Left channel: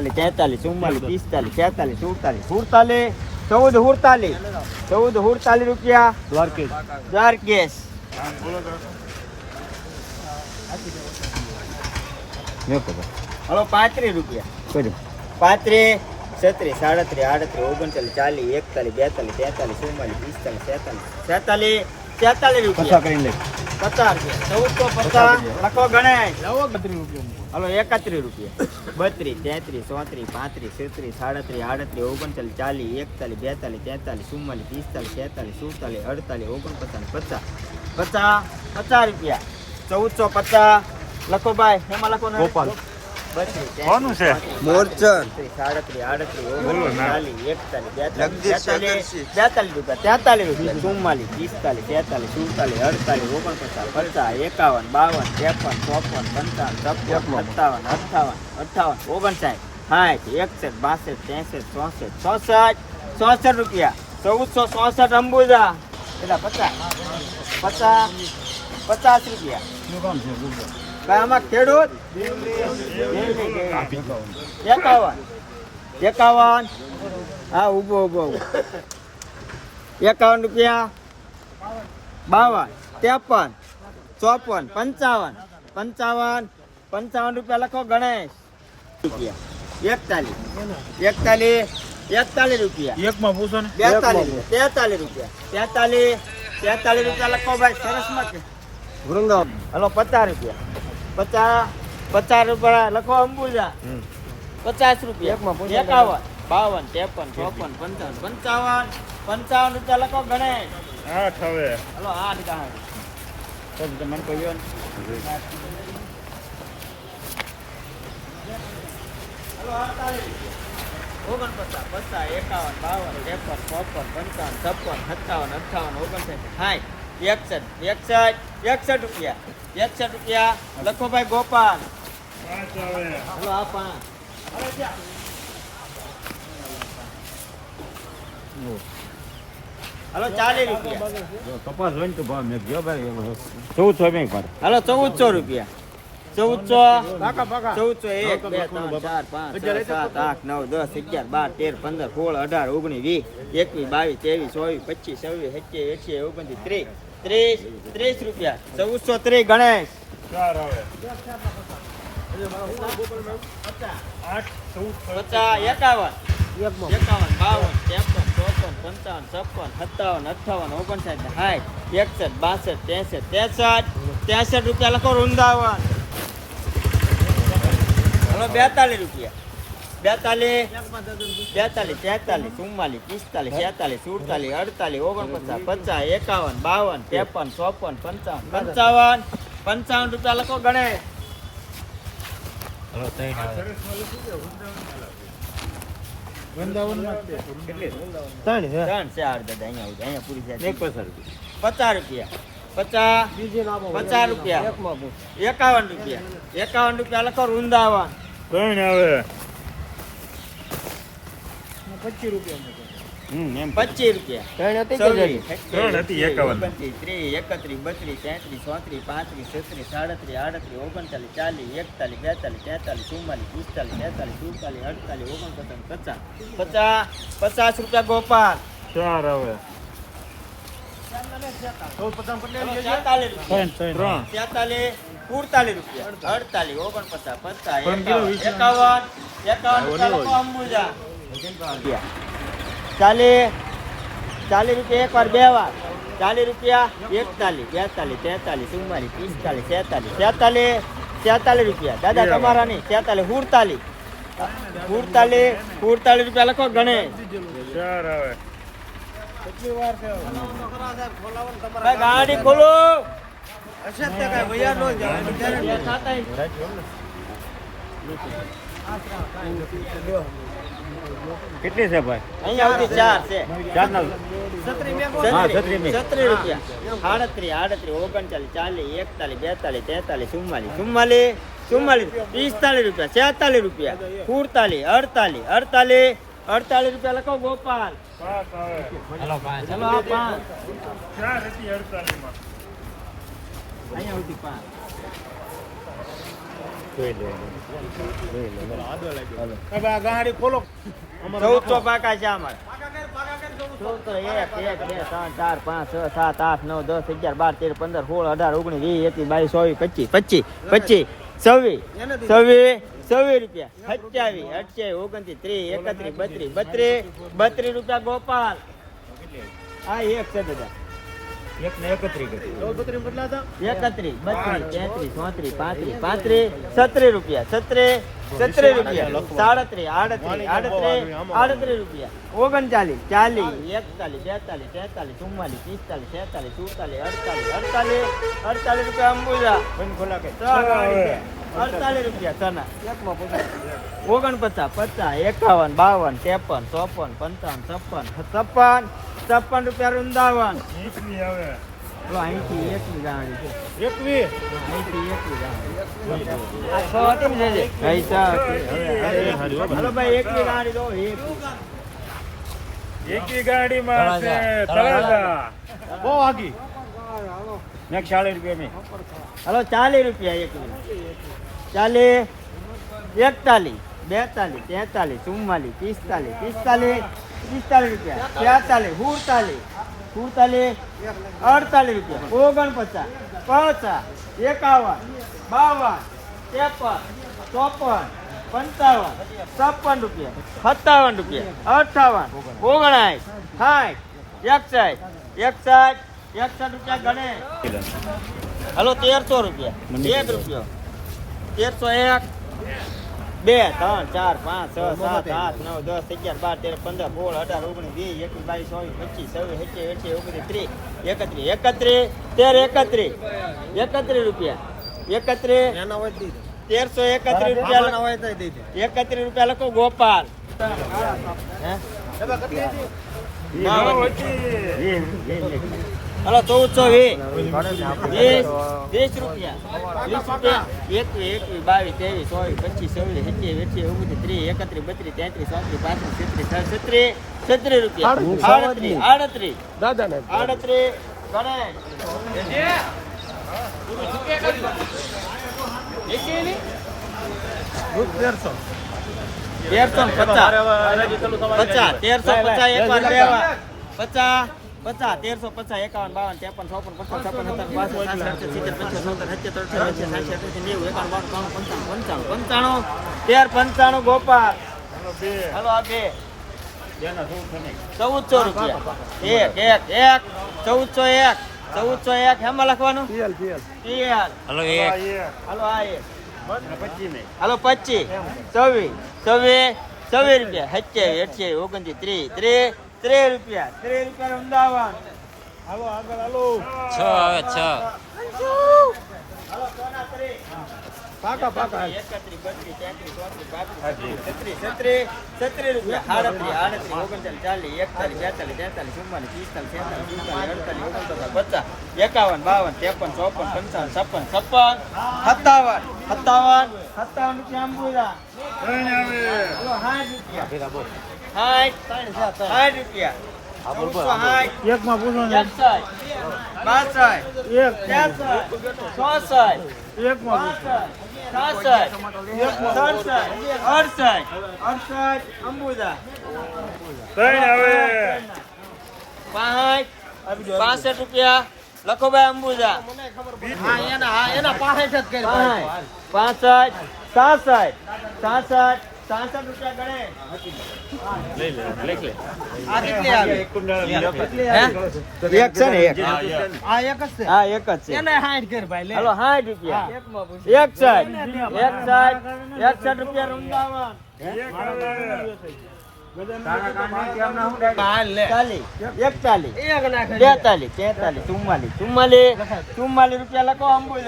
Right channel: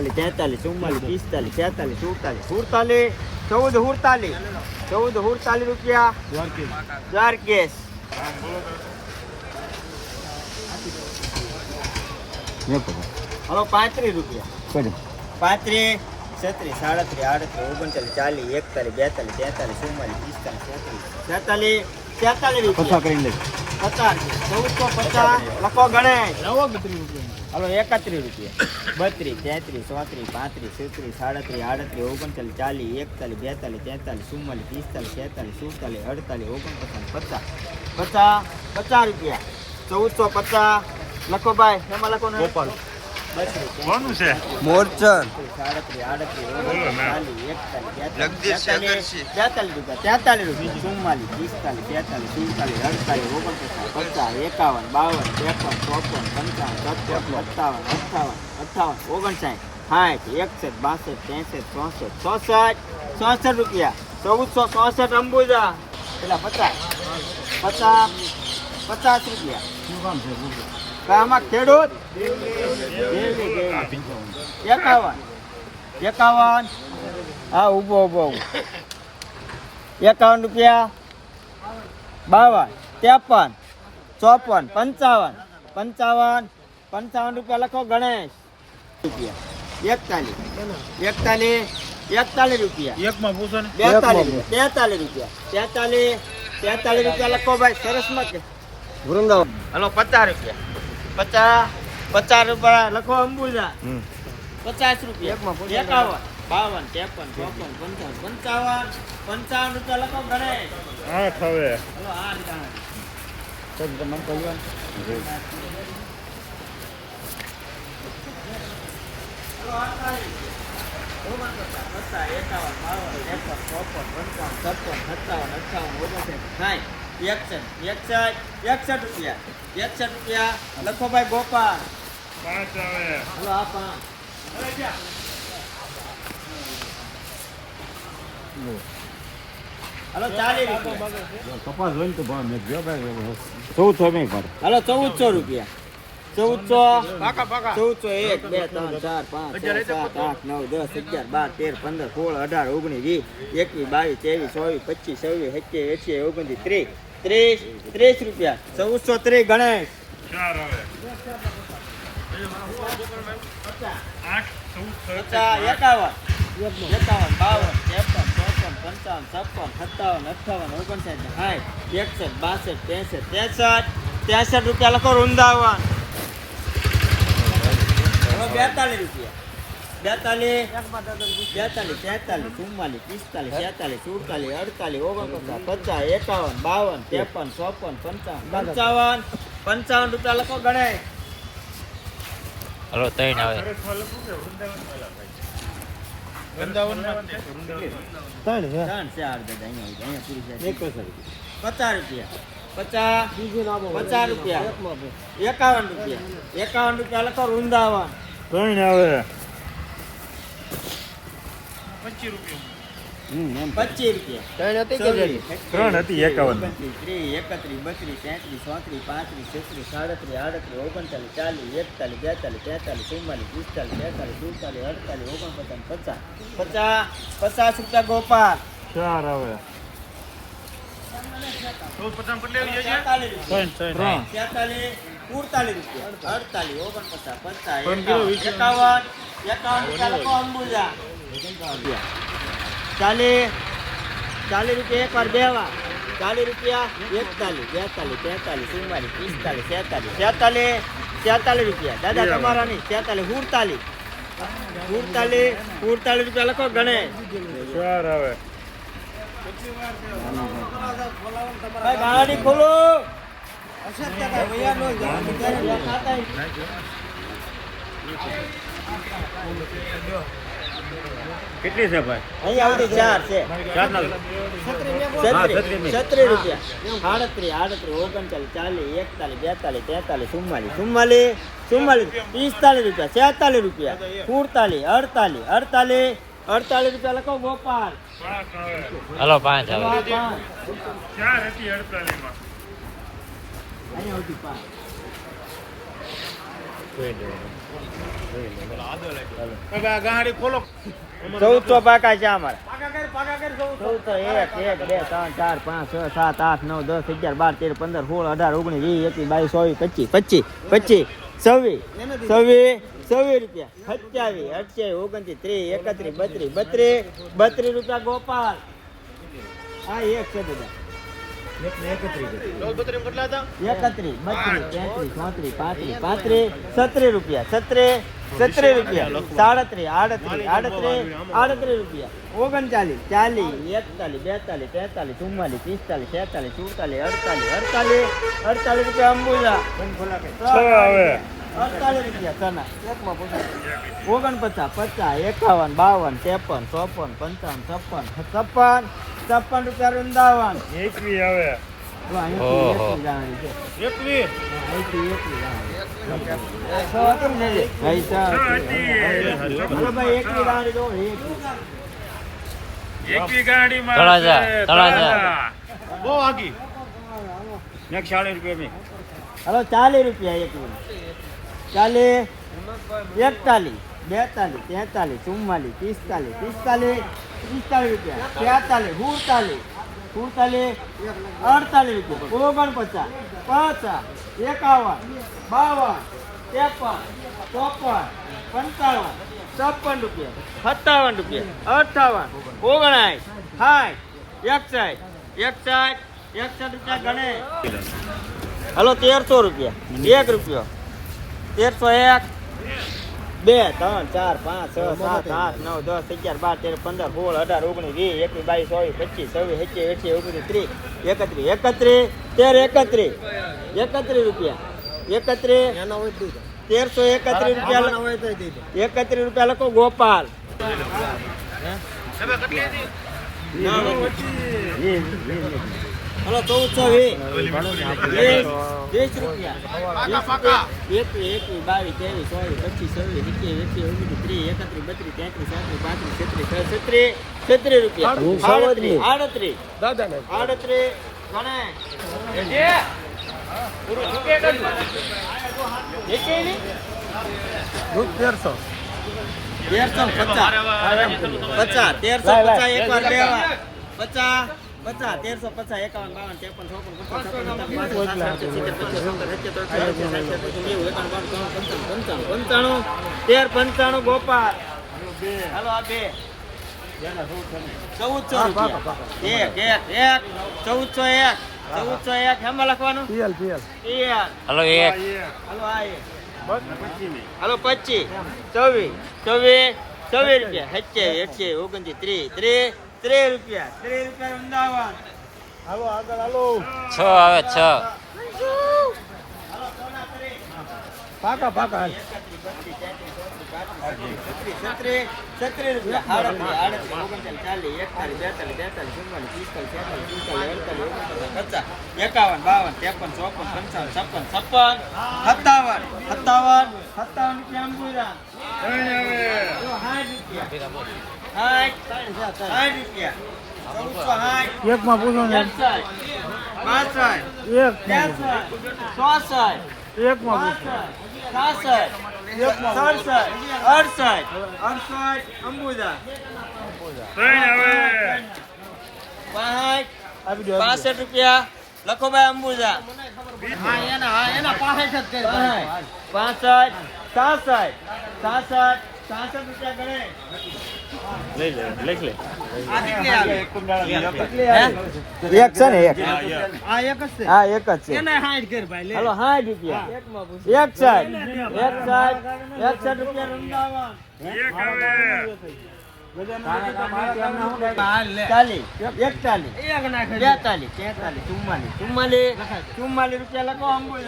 બેતાલીસ તેતાલીસ ચુમ્માલીસ પિસ્તાલીસ છેતાલીસ સુડતાલીસ સુડતાલીસ ચૌદ સુડતાલીસ. ચૌદ સુડતાલીસ રૂપિયા. દ્વારકેશ દ્વારકેશ હલો પાંત્રીસ રૂપિયા. પાંત્રીસ છત્રીસ સાડત્રીસ આડત્રીસ ઓગણચાલીસ ચાલીસ એકતાલીસ બેતાલીસ તેતાલીસ ચુમ્માલીસ પિસ્તાલીસ છેતાલીસ. છેતાલીસ તેતાલીસ રૂપિયા. કરીને લે પચાસ ચૌદસો પચાસ, લખો ગણેશ હલો, એકત્રીસ રૂપિયા. બત્રીસ, તેત્રીસ, ચોત્રીસ, પાંત્રીસ, છત્રીસ, સાડત્રીસ, આડત્રીસ, ઓગણચાલીસ, ચાલીસ, એકતાલીસ, બેતાલીસ, તેતાલીસ, ચુમ્માલીસ, પિસ્તાલીસ, છેતાલીસ, સુડતાલીસ, અડતાલીસ, ઓગણપચાસ, પચાસ. પચાસ પચાસ રૂપિયા. ચૌદસો પચાસ. લખો ભાઈ, એમાં લખો કોનું છે? તેત્રીસ, સાડત્રીસ આડત્રીસ ચાલીસ એકતાલીસ તેતાલીસ રૂપિયા તેતાલીસ રૂપિયા ચુમ્માલીસ પિસ્તાલીસ તેતાલીસ સુડતાલીસ અડતાલીસ ઓગણપચાસ પચાસ એકાવન બાવન ત્રેપન ચોપન પંચાવન છપ્પન સત્તાવન અઠાવન અઠાવન ઓગણસાઠ સાઠ એકસઠ બાસઠ ત્રેસઠ ચોસઠ ચોસઠ ચોસઠ રૂપિયા ચૌદસો ચોસઠ અંબુજા પેલા પચાસ પચાસ પચાસ રૂપિયા આમાં ખેડૂત ગેલી, ગેલી. એકાવન એકાવન હા ઊભો ઊભો ઊભો. એકાવન રૂપિયા બાવન ત્રેપન ચોપન પંચાવન પંચાવન પંચાવન રૂપિયા લખો ગણેશ રૂપિયા એકતાલીસ એકતાલીસ એકતાલીસ રૂપિયા એકમાં પૂછો ને બેતાલીસ તેતાલીસ રૂપિયા તેતાલીસ તેતાલીસ રૂપિયા લખો ભાઈ સરસમાં કે વૃંદાવન હલો પચાસ રૂપિયા. પચાસ પચાસ રૂપિયા લખો અંબુજા. પચાસ રૂપિયા. એકાવન બાવન ત્રેપન ચોપન પંચાવન. પંચાવન પંચાવન રૂપિયા લખો ગણેશ. હા ખરે હલો આઠ ગણ તો તમારે કહ્યું હલો અડતાલીસ ઓગણપચાસ પચાસ એકાવન બાવન ત્રેપન ચોપન પંચાવન છપ્પન સત્તાવન અઠાવન ઓગણસાઠ. સાઠ એકસઠ એકસઠ એકસઠ રૂપિયા. એકસઠ રૂપિયા. લખો ભાઈ ગોપાલ. હલો, આ પાંચ ચાલીસ રૂપિયા. કપાસ હોય ને ચૌદસો રૂપિયા. ચૌદસો ચૌદસો એક, બે, ત્રણ, ચાર, પાંચ, છ, સાત, આઠ, નવ, દસ, અગિયાર, બાર, તેર, પંદર, સોળ, અઢાર, ઓગણીસ, વીસ, એકવીસ, બાવીસ, ત્રેવીસ, ચોવીસ, પચીસ, છવ્વીસ, સત્યાવીસ એસી ઓગણત્રીસ, ત્રીસ. ત્રીસ ત્રીસ રૂપિયા. ચૌદસો ત્રીસ ગણેશ. ચાર આઠ ચૌદ પચાસ એકાવન. એકાવન બાવન ત્રેપન ચોપન પંચાવન છપ્પન સત્તાવન અઠાવન ઓગણસાઠ સાઠ એકસઠ બાસઠ ત્રેસઠ ત્રેસઠ. ત્રેસઠ રૂપિયા લખો વૃંદાવન. હવે બેતાલીસ રૂપિયા. બેતાલીસ બેતાલીસ તેતાલીસ ચુમ્માલીસ પિસ્તાલીસ છેતાલીસ સુડતાલીસ અડતાલીસ ઓગણપચાસ પચાસ એકાવન બાવન ત્રેપન ચોપન પંચાવન પંચાવન પંચાવન રૂપિયા લખો ગણેશ. હલો ત્રણ આવે. પચાસ રૂપિયા. પચાસ પચાસ રૂપિયા. એકાવન રૂપિયા. એકાવન રૂપિયા લખો વૃંદાવન. ત્રણ આવે. પચીસ રૂપિયા ત્રણ હતી, એકાવન. ઓગણત્રીસ, ત્રીસ, એકત્રીસ બત્રીસ તેત્રીસ ચોત્રીસ પાંત્રીસ છત્રીસ સાડત્રીસ આડત્રીસ ઓગણચાલીસ ચાલીસ એકતાલીસ બેતાલીસ તેતાલીસ ચુમ્માલીસ પિસ્તાલીસ તેતાલીસ સુડતાલીસ અડતાલીસ ઓગણપચાસ પચાસ. પચાસ પચાસ રૂપિયા ગોપાલ. ચાર આવે રૂપિયા. અડતાલીસ ઓગણપચાસ પચાસ એકાવન એકાવન રૂપિયા અંબુજા ચાલીસ. ચાલીસ રૂપિયા એક વાર બે વાર. ચાલીસ રૂપિયા એકતાલીસ બેતાલીસ તેતાલીસ ચુમ્માલીસ પિસ્તાલીસ છેતાલીસ છેતાલીસ છેતાલીસ રૂપિયા. દાદા તમારા નહીં છેતાલીસ સુડતાલીસ. સુડતાલીસ સુડતાલીસ રૂપિયા લખો ગણેશ. ચાર ગાડી ખોલો. કેટલી છે ભાઈ? અહીંયા સુધી ચાર છે. છત્રીસ રૂપિયા. આડત્રીસ આડત્રીસ ઓગણચાલીસ ચાલીસ એકતાલીસ બેતાલીસ તેતાલીસ ચુમ્માલીસ ચુમ્માલીસ ચુમ્માલીસ પિસ્તાલીસ રૂપિયા છેતાલીસ રૂપિયા સુડતાલીસ અડતાલીસ અડતાલીસ અડતાલીસ રૂપિયા લખો ગોપાલ. હલો પાંચ ચલો પાંચ. ચાર હતી અડતાલીસમાં અહીંયા સુધી પાંચ. ચૌદસો પાકા છે અમારા. બત્રીસ રૂપિયા ગોપાલ. આ એક છે દાદા છત્રીસ રૂપિયા છત્રીસ છત્રીસ રૂપિયા સાડત્રીસ આડત્રી આડત્રીસ આડત્રીસ રૂપિયા ઓગણચાલીસ ચાલીસ એકતાલીસ બેતાલીસ તેતાલીસ ચુમ્માલીસ પિસ્તાલીસ છેતાલીસ ચુમ્માલીસ અડતાલીસ અડતાલીસ અડતાલીસ રૂપિયા અંબુજા. અડતાલીસ રૂપિયા ચના ઓગણપચાસ પચાસ એકાવન બાવન ત્રેપન ચોપન પંચાવન છપ્પન છપ્પન છપ્પન રૂપિયા વૃંદાવન. અહીંથી હાલો ચાલીસ રૂપિયા એક ચાલીસ એકતાલીસ બેતાલીસ તેતાલીસ ચુમ્માલીસ પિસ્તાલીસ પિસ્તાલીસ પિસ્તાલીસ રૂપિયા તેતાલીસ સુડતાલીસ સુડતાલીસ અડતાલીસ રૂપિયા. ઓગણપચાસ પચાસ એકાવન બાવન ત્રેપન ચોપન પંચાવન છપ્પન રૂપિયા. સત્તાવન રૂપિયા. અઠાવન ઓગણાઠ સાઠ એકસાઠ એકસાઠ એકસઠ રૂપિયા ગણે. હલો. તેરસો રૂપિયા. એક રૂપિયો. તેરસો એક બે ત્રણ ચાર પાંચ છ સાત આઠ નવ દસ અગિયાર બાર તેર પંદર સોળ અઢાર ઓગણીસ વીસ એકવીસ બાવીસ ચોવીસ પચીસ છવ્વીસ એકવીસ એકવીસ ઓગણીસ ત્રીસ એકત્રીસ એકત્રીસ તેર એકત્રીસ. એકત્રીસ રૂપિયા. એકત્રીસ. તેરસો એકત્રીસ રૂપિયા એકત્રીસ રૂપિયા લખો ગોપાલ. હલો ચૌદસો વીસ રૂપિયા. વીસ રૂપિયા. એકવીસ એકવીસ બાવીસ ત્રેવીસ ચોવીસ પચીસ છવ્વીસ સત્યાવીસ અઠ્યાવીસ ઓગણીસ ત્રીસ એકત્રીસ બત્રીસ તેત્રીસ ચોત્રીસ પાંત્રીસ છત્રીસ છત્રીસ છત્રીસ રૂપિયા. આડત્રીસ. આડત્રીસ. આડત્રીસ ગણેશ તેરસો. ને પચાસ. પચાસ. તેરસો પચાસ. એક વાર વાર પચાસ. પચાસ તેરસો પચાસ એકાવન બાવન પંચાણું પંચાણું પંચાણું ગોપાલ એક એક ચૌદસો એક ચૌદસો એક હેમાં લખવાનું હલો એક હલો પચીસ ચોવીસ ચોવીસ ચોવીસ રૂપિયા સત્યાવીસ અઠ્યાવીસ ઓગણત્રીસ ત્રીસ ત્રીસ રૂપિયા ત્રે રૂપિયા અમદાવાદ છ આવે છ પાકા પાકા એકત્રીસ બત્રીસ તેત્રીસ ચોત્રીસ પાંત્રીસ છત્રીસ છત્રીસ છત્રીસ રૂપિયા આડત્રીસ આડત્રીસ ઓગણચાલીસ ચાલીસ એકતાલીસ બેતાલીસ તેતાલીસ ચુમ્માલીસ પિસ્તાલીસ છેતાલીસ સુડતાલીસ અડતાલીસ ઓગણપચાસ પચાસ એકાવન બાવન ત્રેપન ચોપન પંચાવન છપ્પન છપ્પન સત્તાવન સત્તાવન સત્તાવન રૂપિયા અંબુરા હલો, સાઠ રૂપિયા. અંબુજા પાસઠ રૂપિયા. લખો ભાઈ અંબુજા. પાંસઠ સાસઠ સાસઠ સાસઠ રૂપિયા ગણે એક છે ને એક. હા એક જ છે. હાલો સાઠ રૂપિયા. એક સાઠ એક સાઠ રૂપિયા ચાલીસ એકતાલીસ બેતાલીસ તેતાલીસ ચુમ્માલીસ ચુમ્માલીસ ચુમ્માલીસ રૂપિયા લખો